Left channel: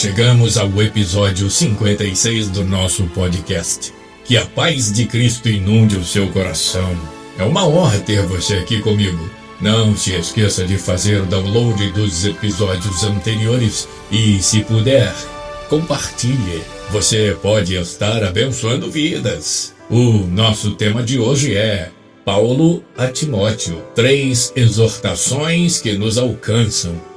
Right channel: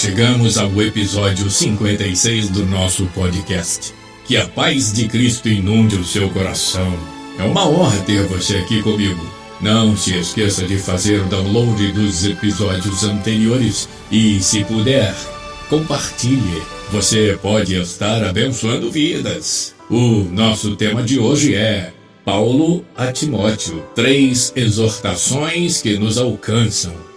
chegamos ao episódio 56 do nosso podcast. Que a paz de Cristo inunde o seu coração. É uma honra ter você aqui comigo. Não se esqueça de fazer o download dos episódios anteriores e, se puder, compartilhe. Você pode estar abençoando vidas. O nosso tema de hoje é Paulo a Timóteo, 3 exortações que nos alcançam.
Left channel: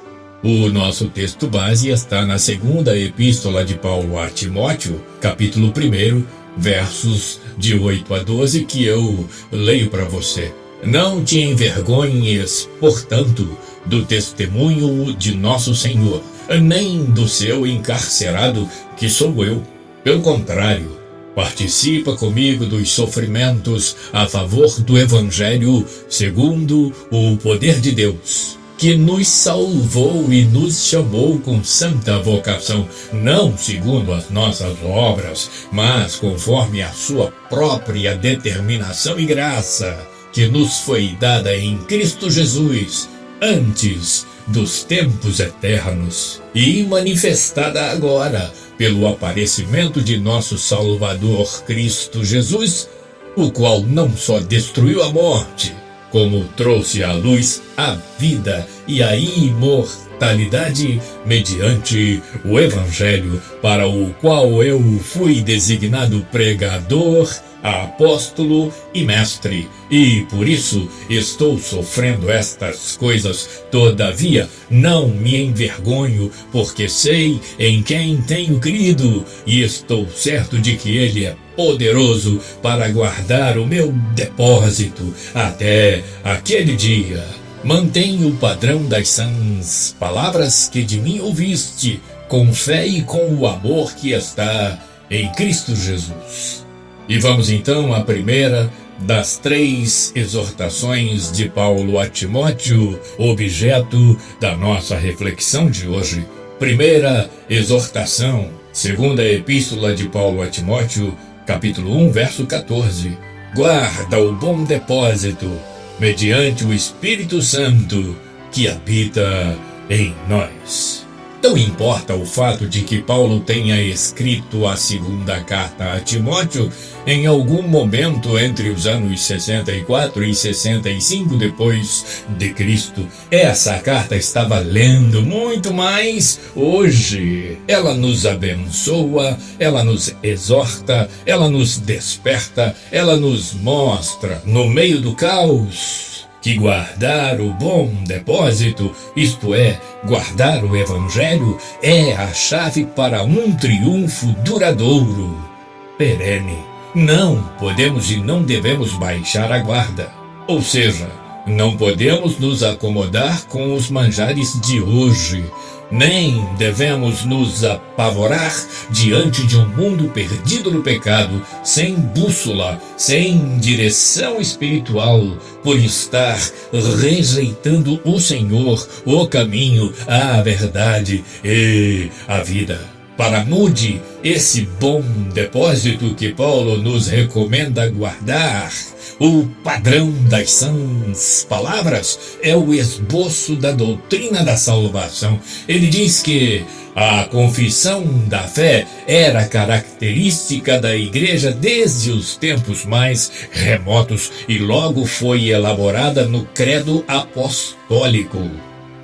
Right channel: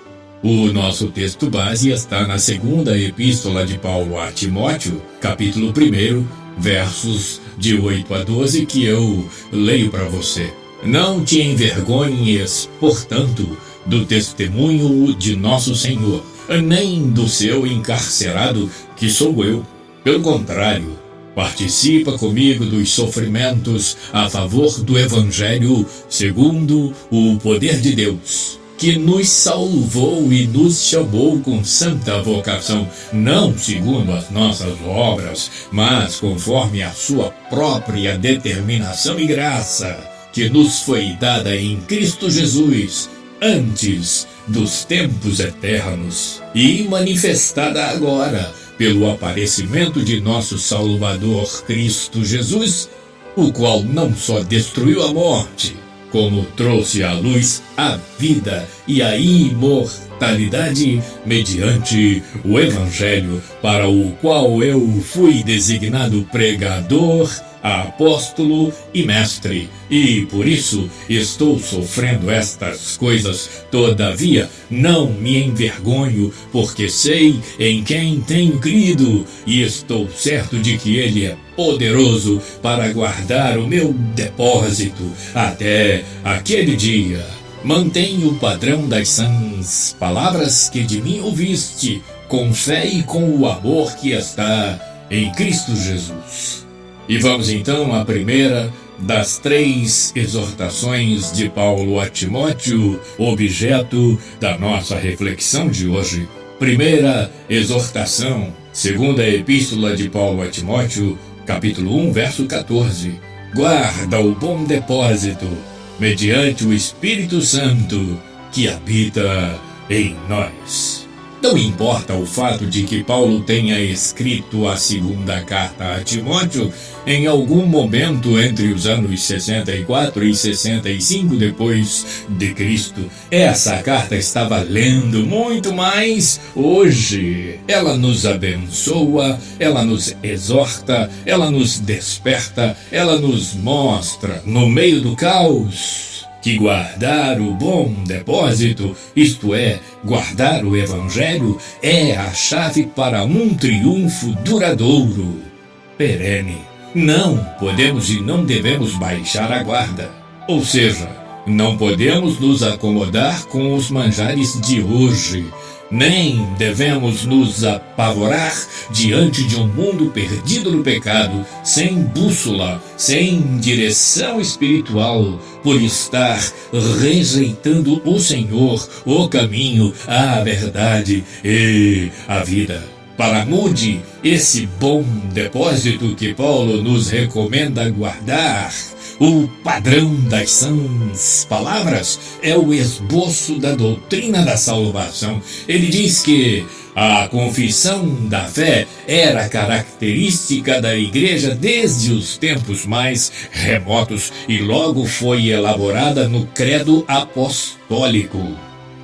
O nosso texto base está na segunda epístola de Paulo a Timóteo, capítulo 1, versos de 8 a 12, que eu leio para você. Não te envergonhes, portanto, do testemunho de nosso Senhor, nem do seu encarcerado, que sou eu. Pelo contrário, participa comigo dos sofrimentos a favor do Evangelho segundo o poder de Deus, que nos salvou e nos chamou com santa vocação, não segundo as nossas obras, mas conforme a sua própria determinação e graça, que nos foi dada em Cristo Jesus antes dos tempos eternos e manifestada agora pelo aparecimento de nosso Salvador Cristo Jesus, o qual não só destruiu a morte, como trouxe à luz a vida e a imortalidade mediante o Evangelho, para o qual eu fui designado pregador, apóstolo e mestre, e por isso estou sofrendo estas coisas. Todavia não me envergonho, porque sei em quem tenho crido, e estou certo de que ele é poderoso para guardar o meu depósito até aquele dia. Mantenha o padrão das sãs palavras que de mim ouviste, com fé e com o amor que está em Cristo Jesus. E vamos então à primeira das 3 exortações de Paulo a Timóteo, objeto da nossa reflexão de hoje. Primeira exortação, segunda epístola de Paulo a Timóteo, capítulo 1, verso 14. Guarda o bom depósito, mediante o Espírito Santo que habita em nós. Não importa o fato de que Paulo tenha escrito a segunda carta a Timóteo em algum momento entre os anos 64 e 65 depois de Cristo. Essa carta está valendo muito mais hoje. Ela nos abençoa, ela nos exorta, ela nos desperta, ela nos mostra, no meio do caos, que guardar o bom depósito, isto é, guardar o Evangelho, é a chave para um triunfo duradouro, perene. Não podemos e não devemos baixar a guarda, ou seja, não podemos nos acomodar com os manjares de hoje, nem devemos nos apavorar diante de um mundo perdido no pecado, sem bússola, sem direção espiritual, por estar rejeitando o Senhor, o caminho, a verdade e a vida. Para mude esse bom depósito que Paulo nos recomenda guardar, o padrão das sãs palavras é o esboço da doutrina da salvação. Ele diz que a confissão da fé era característica da igreja desde os tempos mais remotos e logo foi elaborada no credo apostólico.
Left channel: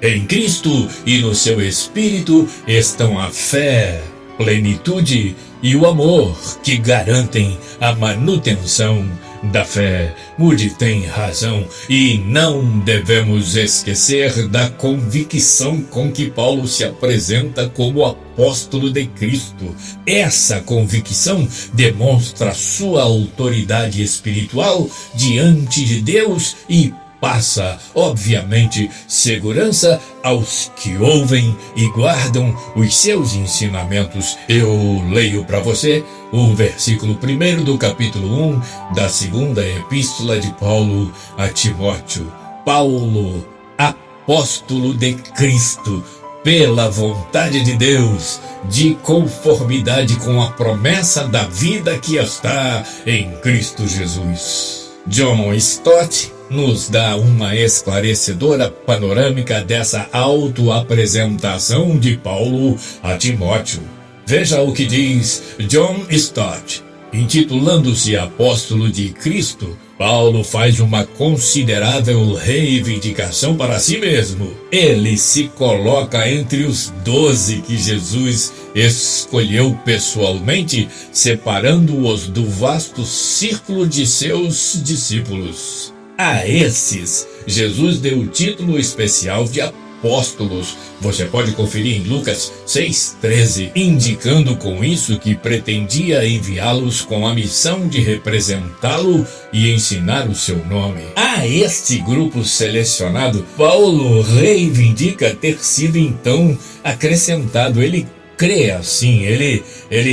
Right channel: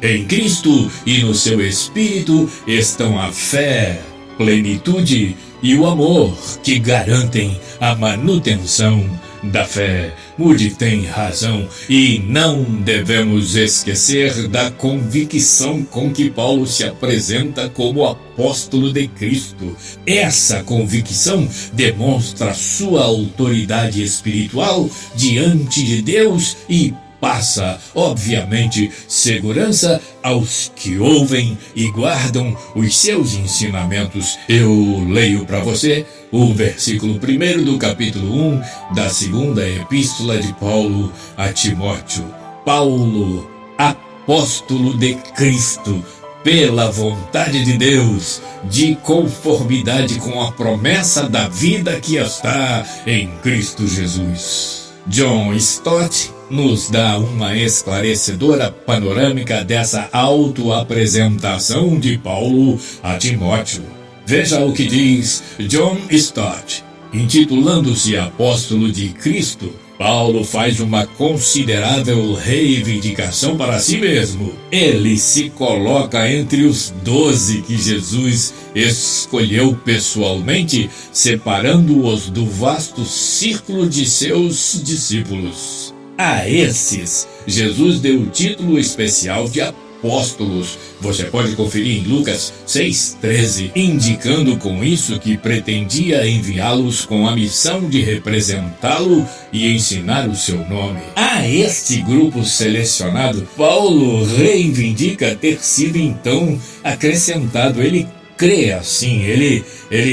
Em Cristo e no seu Espírito estão a fé, plenitude e o amor que garantem a manutenção da fé. Moody tem razão e não devemos esquecer da convicção com que Paulo se apresenta como apóstolo de Cristo. Essa convicção demonstra sua autoridade espiritual diante de Deus e passa, obviamente, segurança aos que ouvem e guardam os seus ensinamentos. Eu leio para você o versículo 1 do capítulo 1 da segunda epístola de Paulo a Timóteo. Paulo, apóstolo de Cristo, pela vontade de Deus, de conformidade com a promessa da vida que está em Cristo Jesus. John Stott nos dá uma esclarecedora panorâmica dessa autoapresentação de Paulo a Timóteo. Veja o que diz John Stott. Intitulando-se Apóstolo de Cristo, Paulo faz uma considerável reivindicação para si mesmo. Ele se coloca entre os 12 que Jesus escolheu pessoalmente, separando-os do vasto círculo de seus discípulos. A esses, Jesus deu o título especial de apóstolos. Você pode conferir em Lucas 6,13, indicando com isso que pretendia enviá-los com a missão de representá-lo e ensinar o seu nome. A este grupo selecionado, Paulo reivindica ter sido então acrescentado. Ele crê assim, ele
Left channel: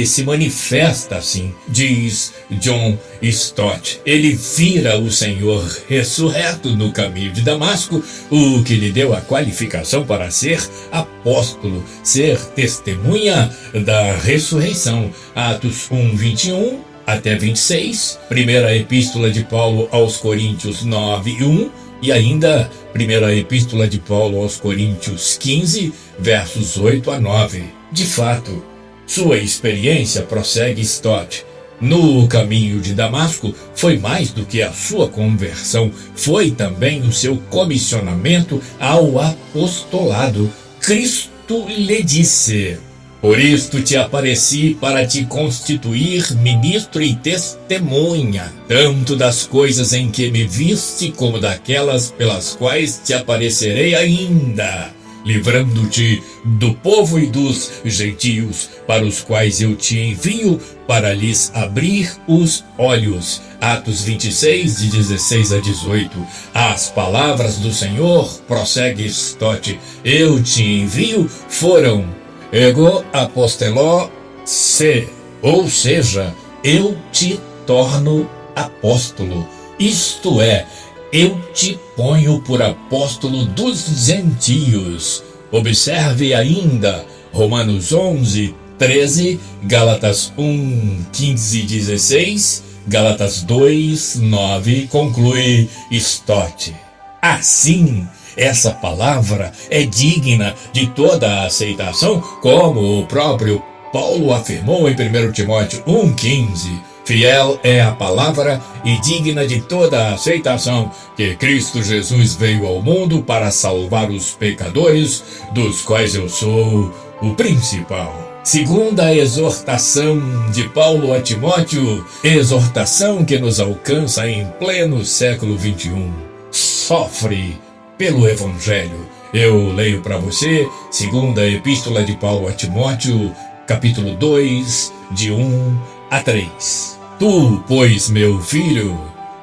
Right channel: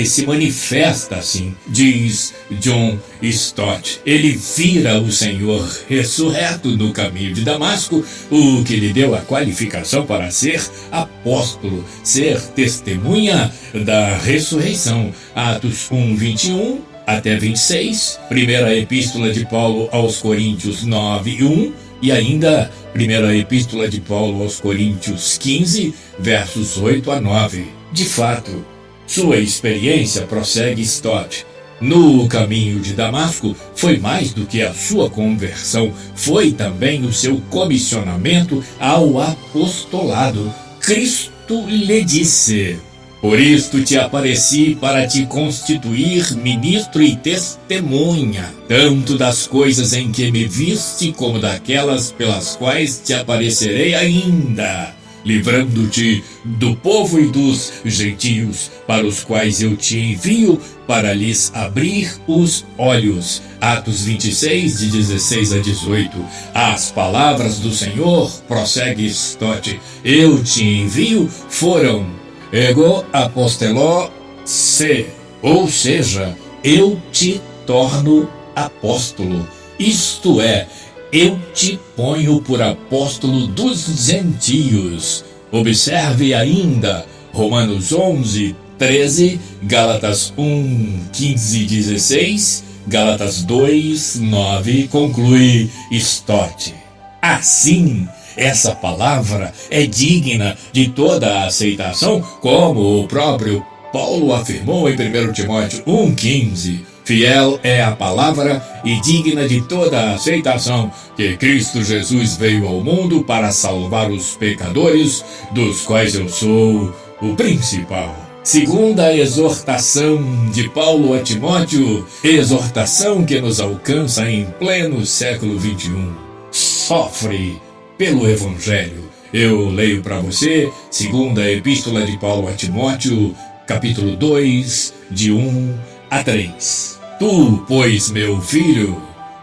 se manifesta assim, diz John Stott. Ele vira o Senhor ressurreto no caminho de Damasco, o que lhe deu a qualificação para ser apóstolo, ser testemunha da ressurreição. Atos 1:21 até 26, primeira epístola de Paulo aos Coríntios 9:1, e ainda primeira epístola de Paulo aos Coríntios 15, versos 8 a 9. De fato, sua experiência, prossegue Stott, no caminho de Damasco foi mais do que a sua conversão, foi também o seu comissionamento ao apostolado. Cristo lhe disse: por isto te apareci para te constituir ministro e testemunha, tanto das coisas em que me viste, como daquelas pelas quais te aparecerei ainda, livrando-te do povo e dos gentios, para os quais eu te envio, para lhes abrir os olhos. Atos 26, de 16 a 18. As palavras do Senhor, prossegue Stott, eu te envio, foram ego aposteló se, ou seja, eu te torno apóstolo, isto é, eu te ponho por apóstolo dos gentios. Observe ainda Romanos 11:13, Gálatas 1:15-16, Gálatas 2:9, conclui Stott. Assim, essa palavra é digna de toda a aceitação, como o próprio Paulo afirmou em 1 Timóteo 1:15. Fiel é a palavra e digna de toda a aceitação, que Cristo Jesus veio ao mundo para salvar os pecadores, dos quais eu sou o principal. Segunda a exortação de Paulo a Timóteo, exortação que nos alcança em pleno século XXI. Sofre pelo Evangelho. Eu leio para você, segunda epístola de Paulo a Timóteo, capítulo 2, de 1 a 3. Tu, pois, meu filho,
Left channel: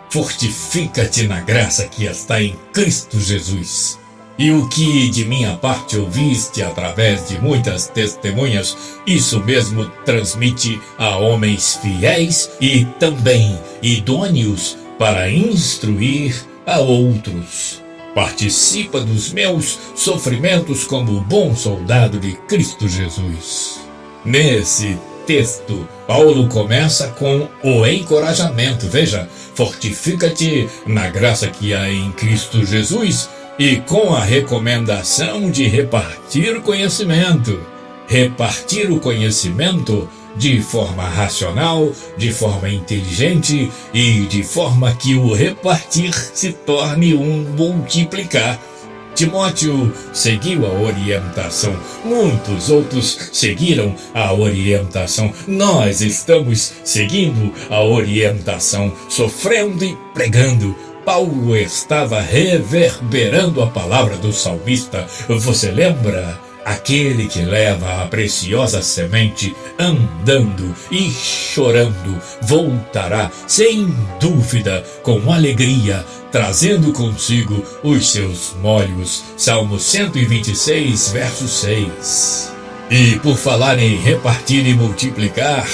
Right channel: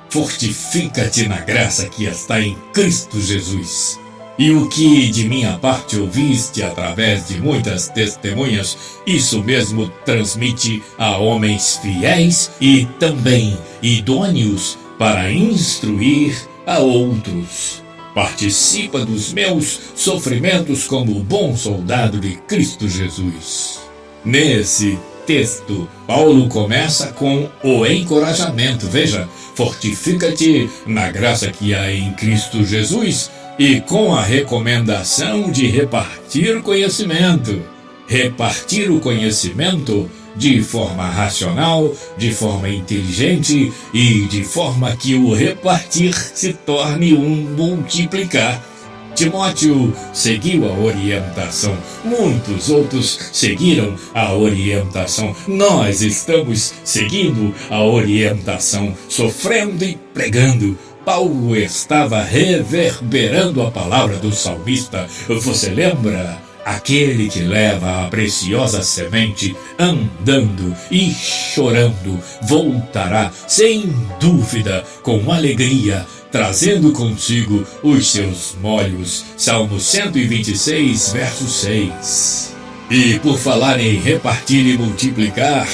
fortifica-te na graça que está em Cristo Jesus. E o que de minha parte ouviste através de muitas testemunhas, isso mesmo transmite a homens fiéis e também idôneos para instruir a outros. Participa dos meus sofrimentos como bom soldado de Cristo Jesus. Nesse texto, Paulo começa com o encorajamento. Veja, fortifica-te na graça que há em Cristo Jesus, e com a recomendação de repartir o conhecimento. Repartir o conhecimento de forma racional, de forma inteligente e de forma que o repartir se torne um multiplicar. Timóteo seguiu a orientação, muitos outros seguiram a orientação. Nós estamos seguindo a orientação, sofrendo e pregando. Paulo estava reverberando a palavra do salmista. Você lembra? Aquele que leva a preciosa semente andando e chorando voltará, sem dúvida, com alegria, trazendo consigo os seus molhos. Salmo 126, verso 6. E por falar em repartir e multiplicar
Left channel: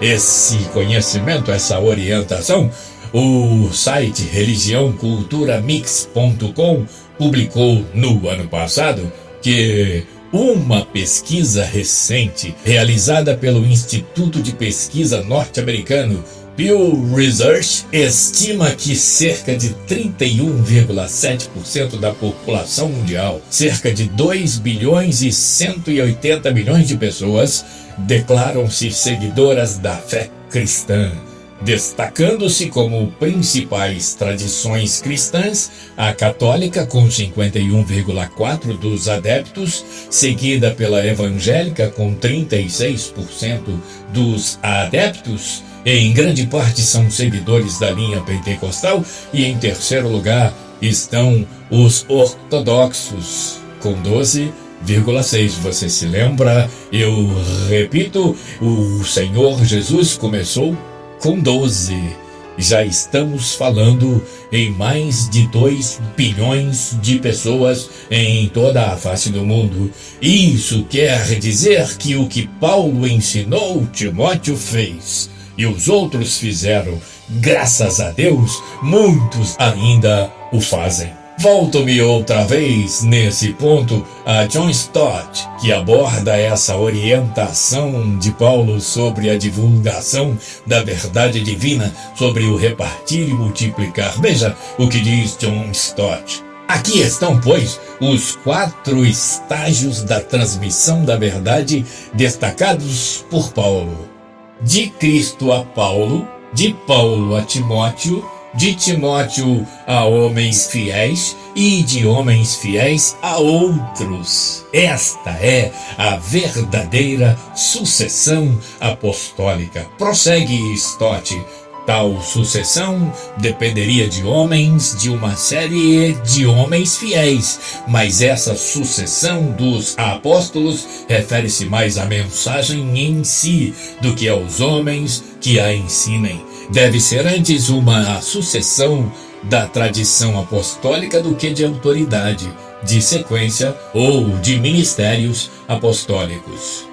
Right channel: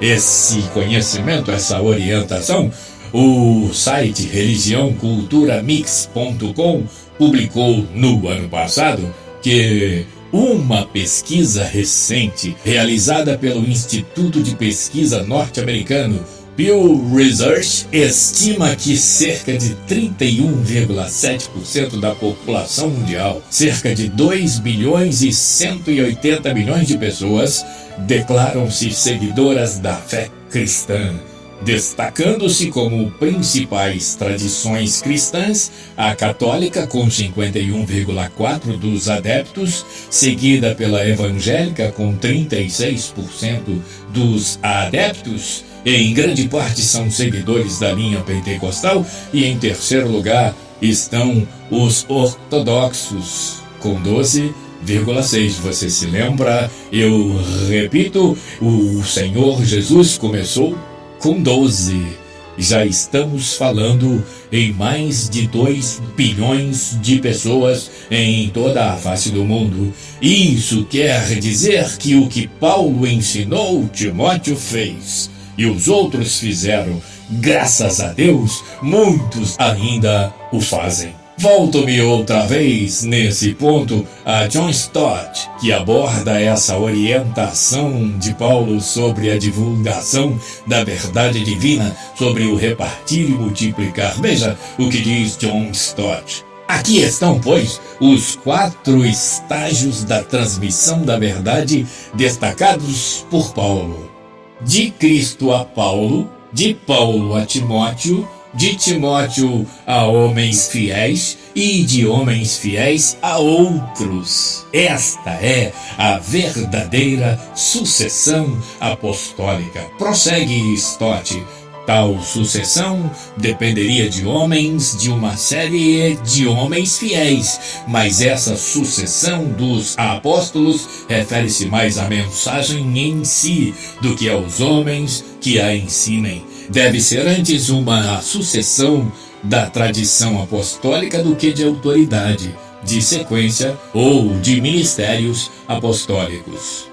esse conhecimento, essa orientação, o site religiãoculturamix.com publicou no ano passado que Uma pesquisa recente realizada pelo Instituto de Pesquisa norte-americano Pew Research estima que cerca de 31,7% da população mundial, cerca de 2 bilhões e 180 milhões de pessoas, declaram-se seguidoras da fé cristã, destacando-se como principais tradições cristãs a católica com 51,4% dos adeptos, seguida pela evangélica com 36% dos adeptos. Em grande parte são seguidores da linha pentecostal e em terceiro lugar estão os ortodoxos com 12,6%. Você se lembra? Eu repito, o Senhor Jesus começou com 12. Já estamos falando em mais de 2 bilhões de pessoas em toda a face do mundo. Isso quer dizer que o que Paulo ensinou, Timóteo fez. E os outros fizeram, graças a Deus, muitos ainda o fazem. Volto-me outra vez nesse ponto a John Stott, que aborda essa orientação de Paulo sobre a divulgação da verdade divina, sobre o repartir e multiplicar. Veja o que diz John Stott. Aqui estão, pois, os 4 estágios da transmissão da verdade destacados por Paulo. De Cristo a Paulo, de Paulo a Timóteo, de Timóteo a homens fiéis e de homens fiéis a outros. Esta é a verdadeira sucessão apostólica. Prossegue Stott. Tal sucessão dependeria de homens, de uma série de homens fiéis, mas essa sucessão dos apóstolos refere-se mais à mensagem em si do que aos homens que a ensinem. Deve ser antes uma sucessão da tradição apostólica do que de autoridade, de sequência ou de ministérios apostólicos.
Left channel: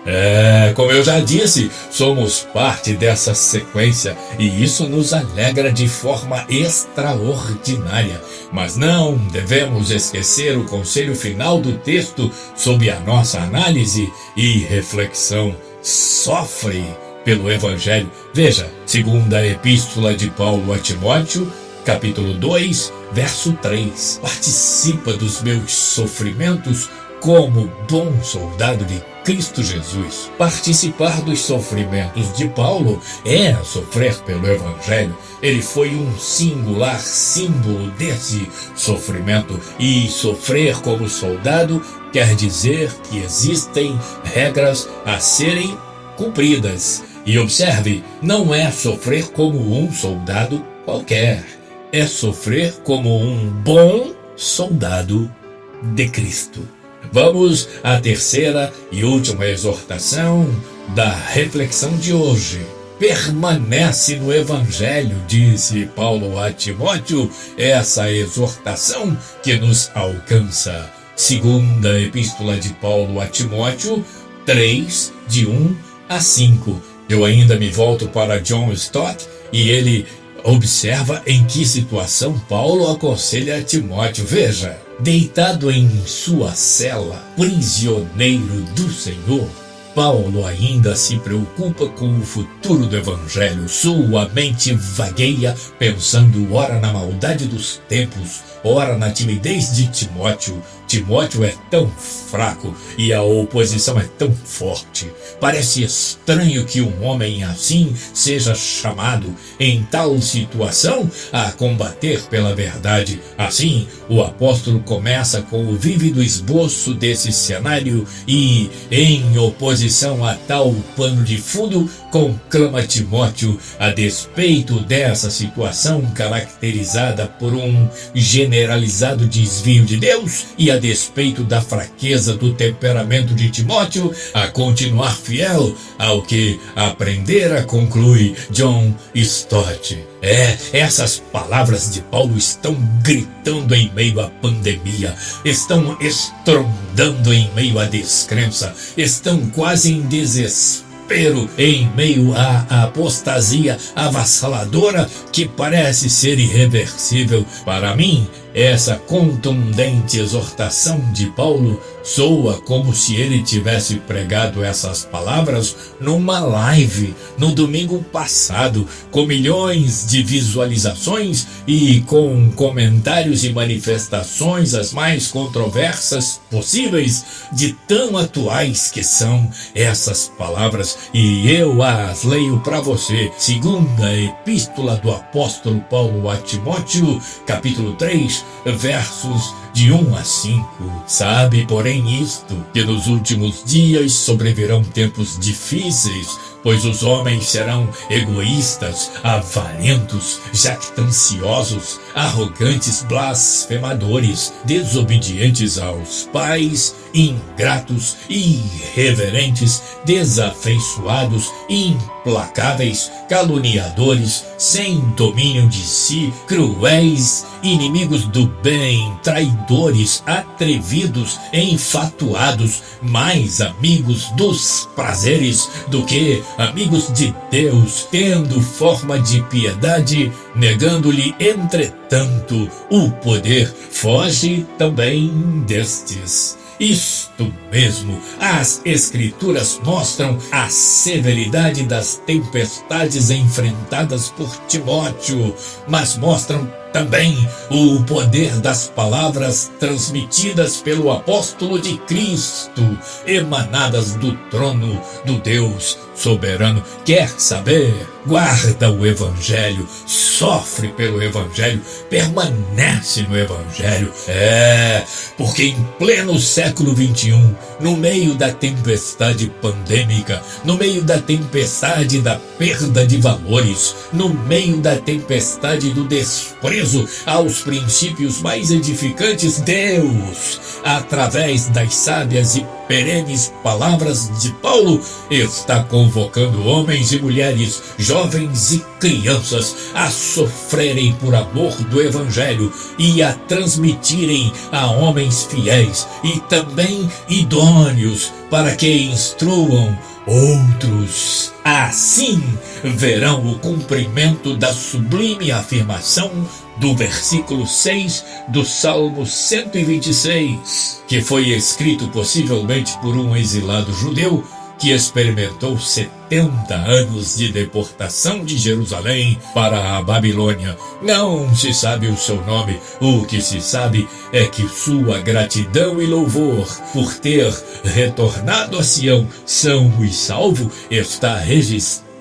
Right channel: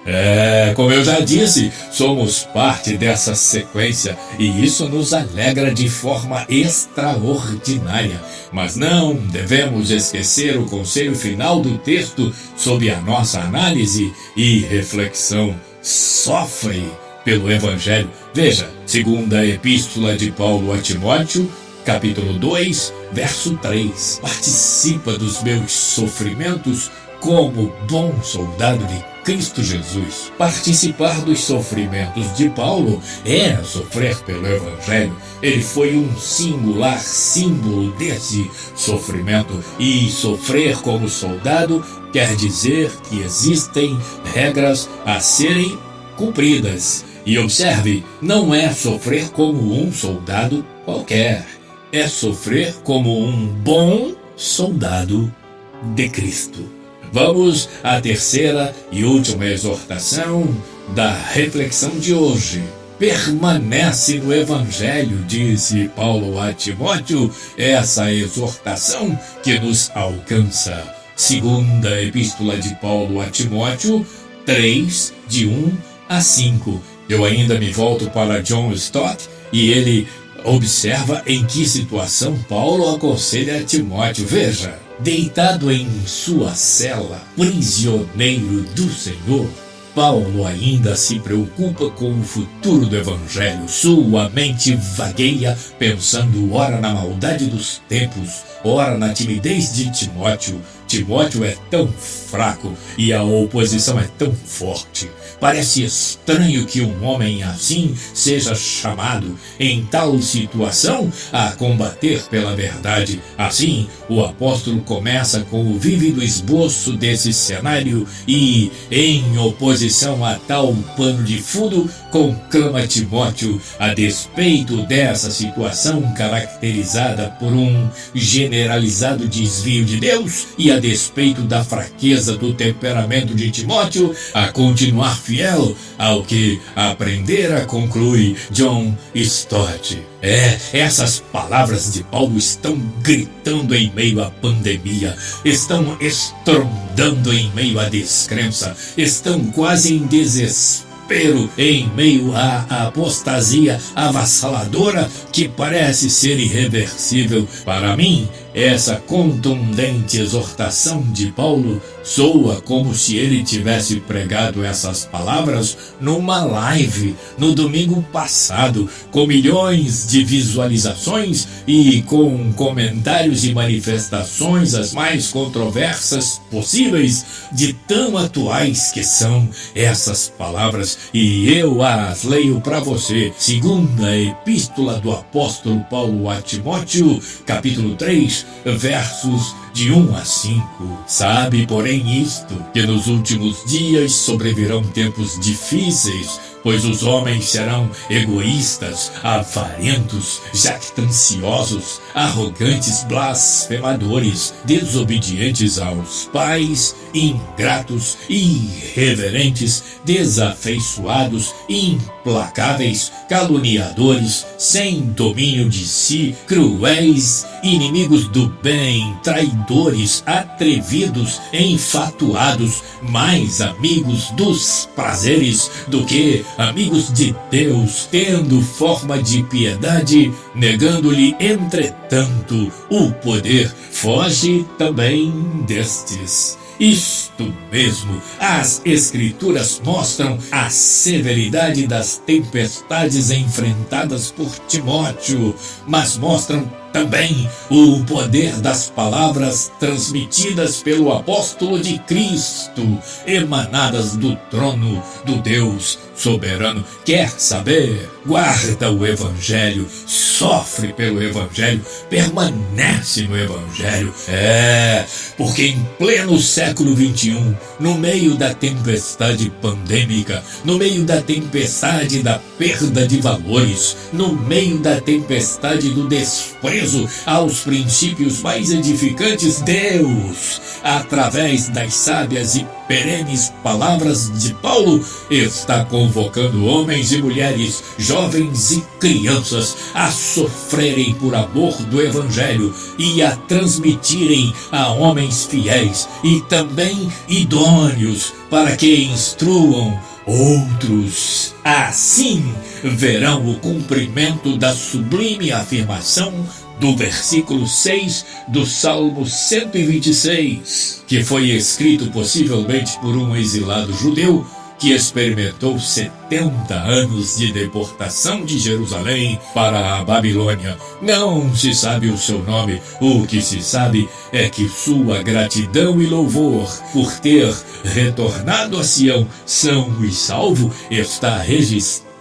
Como eu já disse, somos parte dessa sequência e isso nos alegra de forma extraordinária. Mas não devemos esquecer o conselho final do texto sob a nossa análise e reflexão. Sofre pelo Evangelho. Veja, segunda epístola de Paulo a Timóteo, capítulo 2, verso 3. Participa dos meus sofrimentos como bom soldado de Cristo Jesus. Participar dos sofrimentos de Paulo é sofrer pelo Evangelho. Ele foi um singular símbolo desse sofrimento. E sofrer como soldado quer dizer que existem regras a serem cumpridas. E observe, não é sofrer como um soldado qualquer. É sofrer como um bom soldado de Cristo. Vamos à terceira e última exortação da reflexão de hoje. Permanece no Evangelho, disse Paulo a Timóteo, essa exortação que nos alcança. Segunda epístola de Paulo a Timóteo, 3, de 1 a 5. Eu ainda me volto para John Stott e ele observa em que situação Paulo aconselha Timóteo. Veja, deitado em sua cela, prisioneiro do Senhor, Paulo ainda se preocupa com o futuro do Evangelho. Sua mente vagueia pensando ora na maldade dos tempos, ora na timidez de Timóteo. Timóteo é tão fraco e a oposição é tão forte. Parece estranho que um homem assim seja chamado, em tal situação, a combater pela verdade. Assim, o apóstolo começa com o vívido esboço desse cenário e, em oposição a tal pano de fundo, conclama Timóteo, a despeito dessa situação caracterizada por um generalizado desvio de Deus e a despeito da fraqueza do temperamento de Timóteo, a continuar fiel ao que aprendera, conclui John Stott. Essas palavras de Paulo estão gritando em meio à pandemia, estão estrondando em meio à descrença, estão quase em desespero em meio à apostasia avassaladora que parece ser irreversível. Para mim, essa contundente exortação de Paulo Soa como se ele tivesse pregado essas palavras numa live no domingo passado, com milhões de visualizações e com comentários e manifestações as mais controversas possíveis, de tão atuais que são essas palavras, e eu as leio para você. Segunda Epístola do Apóstolo Paulo a Timóteo, capítulo 3, versos de 1 a 5. Sabe, porém, isto, que nos últimos dias sobrevirão tempos difíceis, pois os homens serão egoístas, avarentos, jactanciosos, arrogantes, blasfemadores, desobedientes aos pais, ingratos, irreverentes, desafeiçoados, implacáveis, caluniadores, sem domínio de si, cruéis, inimigos do bem, traidores, atrevidos, enfatuados, mais amigos dos prazeres do que amigos de Deus, tendo forma de piedade, negando-lhe, entretanto, o poder. Foge também destes. Isto mesmo, as Escrituras mostram a severidade das tempestades enfrentadas por Timóteo, mas mostram também o poder das palavras transmitidas pelo apóstolo de Cristo, emanadas do trono do Deus soberano. Quer saber? Guarda o Evangelho, sofre pelo Evangelho, permanece no Evangelho. Porque em pleno século XXI, no meio da tempestade pandêmica, no meio da tempestade da perda de valores, no meio da tempestade do desprezo aos princípios mais edificantes, Deus, através das sábias e perenes palavras de Paulo, está convocando homens e mulheres, jovens e crianças a sofrerem por amor do Evangelho e a transmitirem a homens fiéis e também idôneos para que instruam outros. Assim verão o cumprimento da sublime afirmação do versículo 6 do Salmo 126, que foi escrito possivelmente por um exilado judeu que experimentou 70 anos de deportação de Jerusalém para a Babilônia. Não se sabe o seu nome, o que se sabe é que sua gratidão e louvor por ter retornado a Sião são e salvo está registrada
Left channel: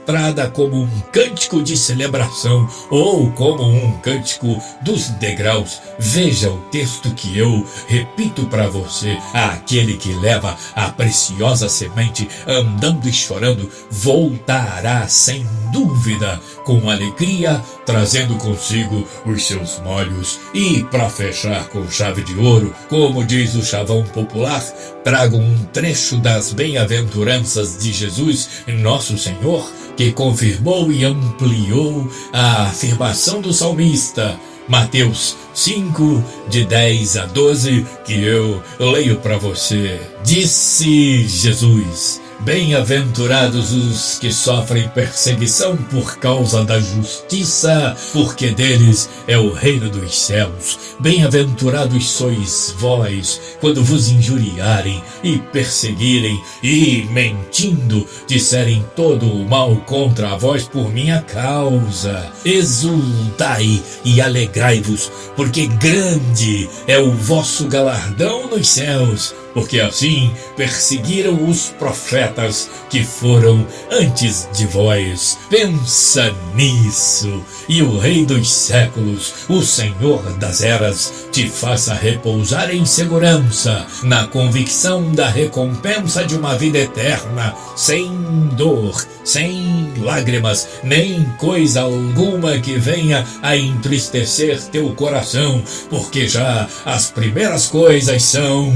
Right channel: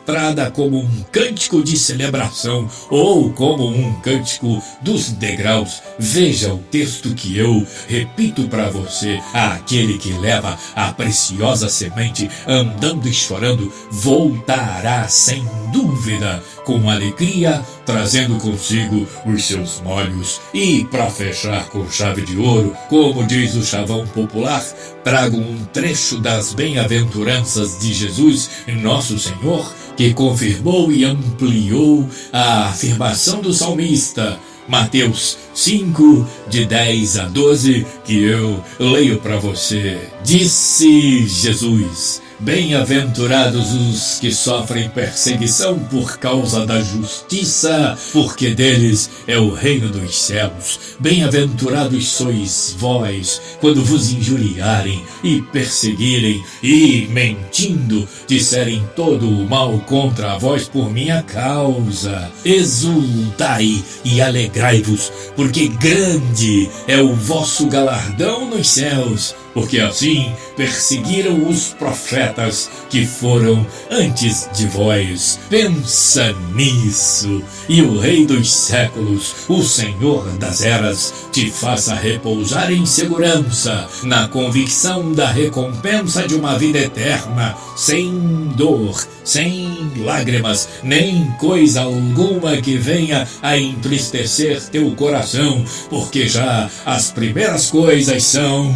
como um cântico de celebração ou como um cântico dos degraus. Veja o texto que eu repito para você: aquele que leva a preciosa semente andando e chorando voltará sem dúvida com alegria, trazendo consigo os seus molhos. E para fechar com chave de ouro, como diz o chavão popular, trago um trecho das bem-aventuranças de Jesus, nosso Senhor, que confirmou e ampliou a afirmação do salmista. Mateus 5, de 10 a 12, que eu leio para você. Disse Jesus: bem-aventurados os que sofrem perseguição por causa da justiça, porque deles é o reino dos céus. Bem-aventurados sois vós, quando vos injuriarem e perseguirem e, mentindo, disserem todo o mal contra vós por minha causa. Exultai e alegrai-vos, porque grande é o vosso galardão nos céus, porque assim perseguiram os profetas que foram antes de vós. Pensa nisso, e o Rei dos séculos, o Senhor das eras, te faça repousar em segurança, na convicção da recompensa de uma vida eterna, sem dor, sem lágrimas, nem coisa alguma que venha a entristecer teu coração, porque já as primeiras coisas são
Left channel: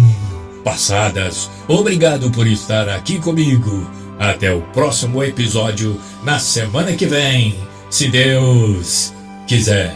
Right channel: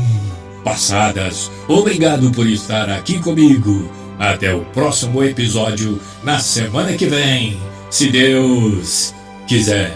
passadas. Obrigado por estar aqui comigo. Até o próximo episódio na semana que vem, se Deus quiser.